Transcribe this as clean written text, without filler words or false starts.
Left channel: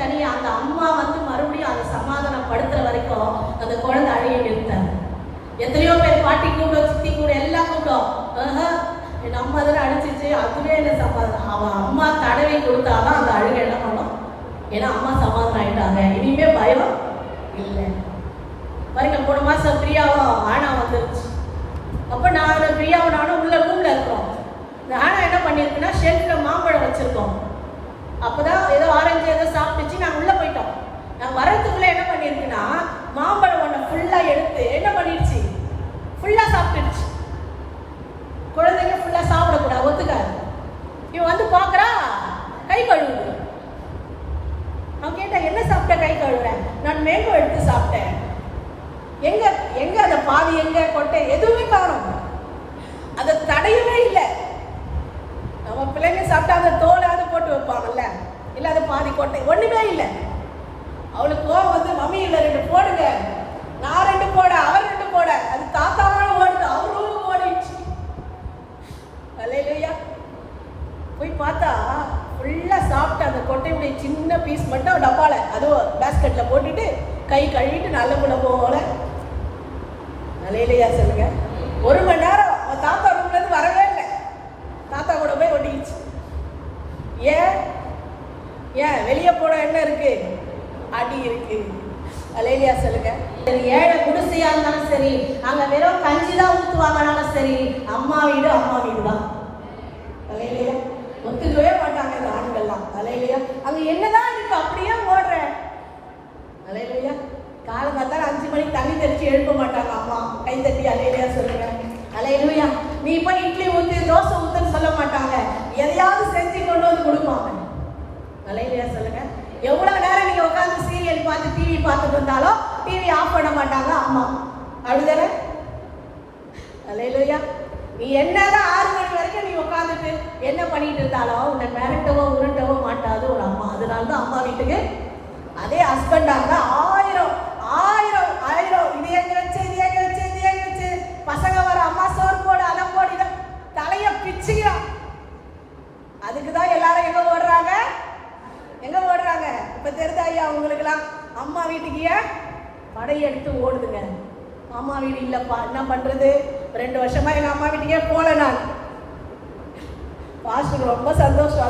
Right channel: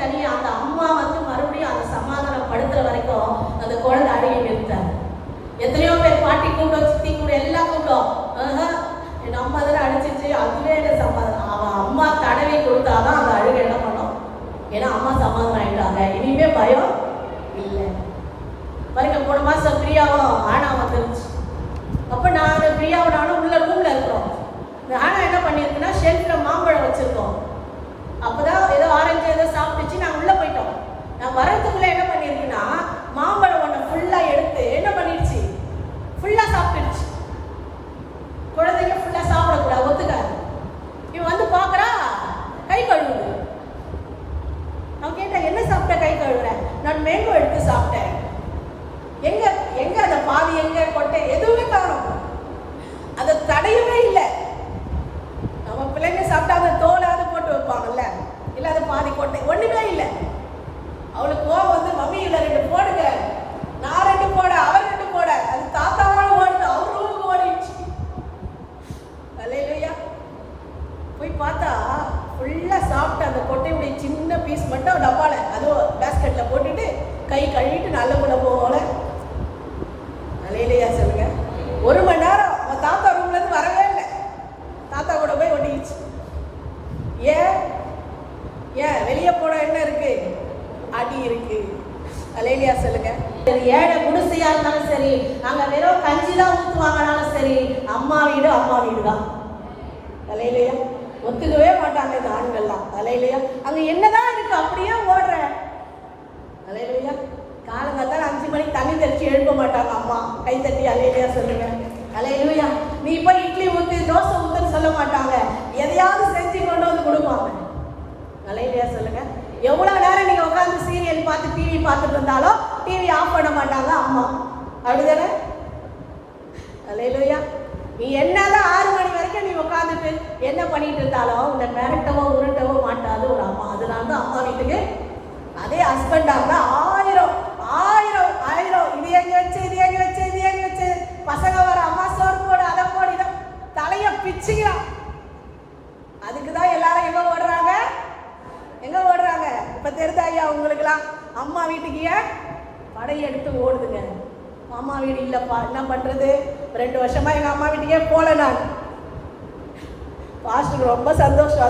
தனியா அந்த அம்மா மறுபடியும் அதை சமாதானப்படுத்துற வரைக்கும் அந்த குழந்தை அழுகி நிறுத்தாங்க. எத்தனையோ பேர் பாட்டி கூப்பிடும், சித்தி கூட எல்லாம் கூப்பிடும், என் அம்மா தானே அடிச்சிச்சு, அதுவே என்ன சமாதானம். அவன் அம்மா தடவி கொடுத்தாதான் அந்த அழுகை என்ன பண்ணும். ஏன்னா அம்மா சமாதானம் ஆயிட்டாங்க, இனிமே பயம் இல்லை. பாருங்க, 3 மாசம் பிரியாவும் ஆனா வந்துருச்சு. அப்ப நான் பிரியாவும் நானும் உள்ள ரூம்ல இருக்கிறோம். இந்த ஆனா என்ன பண்ணிருக்குன்னா ஷெல்ஃப்ல மாம்பழம் வச்சிருக்கோம். அப்பதான் ஏதோ ஆரஞ்சு ஏதோ சாப்பிட்டுச்சு. நாங்கள் உள்ள போயிட்டோம். நாங்கள் வர்றதுக்குள்ள என்ன பண்ணிருக்குன்னா மாம்பழம் ஒன்று ஃபுல்லா எடுத்து என்ன பண்ணிடுச்சு, ஃபுல்லா சாப்பிட்டுடுச்சு. குழந்தைங்க ஃபுல்லா சாப்பிடக்கூடாது, ஒத்துக்காது. இவன் வந்து பாக்குறா கை கழுவுது. நான் கேட்டேன், என்ன சாப்பிட்ட கை கழுவுறேன்? நான் மேங்கோ எடுத்து சாப்பிட்டேன். எங்க எங்க அந்த பாதி எங்க கொட்டை எதுவுமே காணும். அதை தடையவே இல்லை. நம்ம பிள்ளைங்க சாப்பிட்டா அந்த தோலாவது போட்டு வைப்பாங்கல்ல, இல்ல அது பாதி கொட்டை ஒண்ணுமே இல்லை. அவளுக்கு கோவம் வந்து, மம்மி இல்ல 2 போடுங்க, நான் 2 போட, அவர் 2 போட, அது தாத்தாவோட ஓடுது, அவரும் ஓடிடுச்சு. அல்லேலூயா. போய் பார்த்தா ஃபுல்லா சாப்பிட்டு அந்த கொட்டையுடைய சின்ன பீஸ் மட்டும் டப்பால அதுவும் பேஸ்கெட்ல போட்டுட்டு கை கழுவிட்டு நல்ல கூட போல. அல்லேலூயா சொல்லுங்க. 1 மணி நேரம் தாத்தா ரூம்ல இருந்து வரவே இல்லை. தாத்தா கூட போய் ஒட்டிக்கிச்சு. ஏன் ஏன் வெளியே போட என்ன இருக்கு, அடி இருக்கு. அல்லேலூயா சொல்லுங்க. ஏழை குடிசையா இருந்தாலும் சரி, அங்க வெறும் கஞ்சி தான் ஊத்துவாங்கனாலும் சரி, அம்மா வீடு அம்மா வீடு தான். அல்லேலூயா. ஒத்துக்கவே மாட்டாங்க இந்த ஆண்கள்லாம். அல்லேலூயா. அங்க என்னதான் இருக்கு, அப்படியே ஓடுற. அல்லேலூயா. காலங்காத்தால 5 மணிக்கு தண்ணி தெளிச்சு எழுப்ப மாட்டாங்க அம்மா, கை தட்டி. அல்லேலூயா சொல்லுங்க. அல்லேலூயா. நீ போய் இட்லி ஊத்து தோசை ஊத்துன்னு சொல்ல மாட்டாங்க, எதையாவது செஞ்சு கொண்டு வந்து கொடுப்பாங்க. அல்லேலூயா சொல்லுங்க. எவ்வளவு நேரம் நீங்க உட்காந்து சீரியல் பார்த்து டிவி பார்த்துட்டு இருந்தாலும் டிவி ஆஃப் பண்ண மாட்டாங்க அம்மா, அப்படிதானே? அல்லேலூயா. நீ என்னதான் 6 மணி வரைக்கும் நீ உட்காந்துட்டு என்ன பண்ணிட்டு இருந்தாலும் உன்னை மிரட்டவோ உருட்டவோ மாட்டாது ஒரு அம்மா. அதனாலதான் அம்மா வீட்டுக்கு, அதே ஹஸ்பண்டா இருந்தா 1000 இது எங்க வச்சு, இது எங்க வச்சு, இது எங்க வச்சு, பசங்க வர அம்மா சோறு போடு, அதை போடு, இதை தலைய பிச்சுக்கிறான். அதுக்குதான் எல்லாரும் எங்க ஓடுறாங்க, எங்க ஓடுறாங்க? இப்ப தெரியுதா ஐயா உங்களுக்குலாம்? அம்மா வீட்டுக்கு ஏன் படையெடுத்து ஓடுதுங்க. அம்மா வீடு இல்லப்பா, என்ன பண்றது? 2 வருஷமா எங்க அம்மா வீட்டுக்கே போல. நான் பாஸ்டருக்கு ரொம்ப சந்தோஷம்.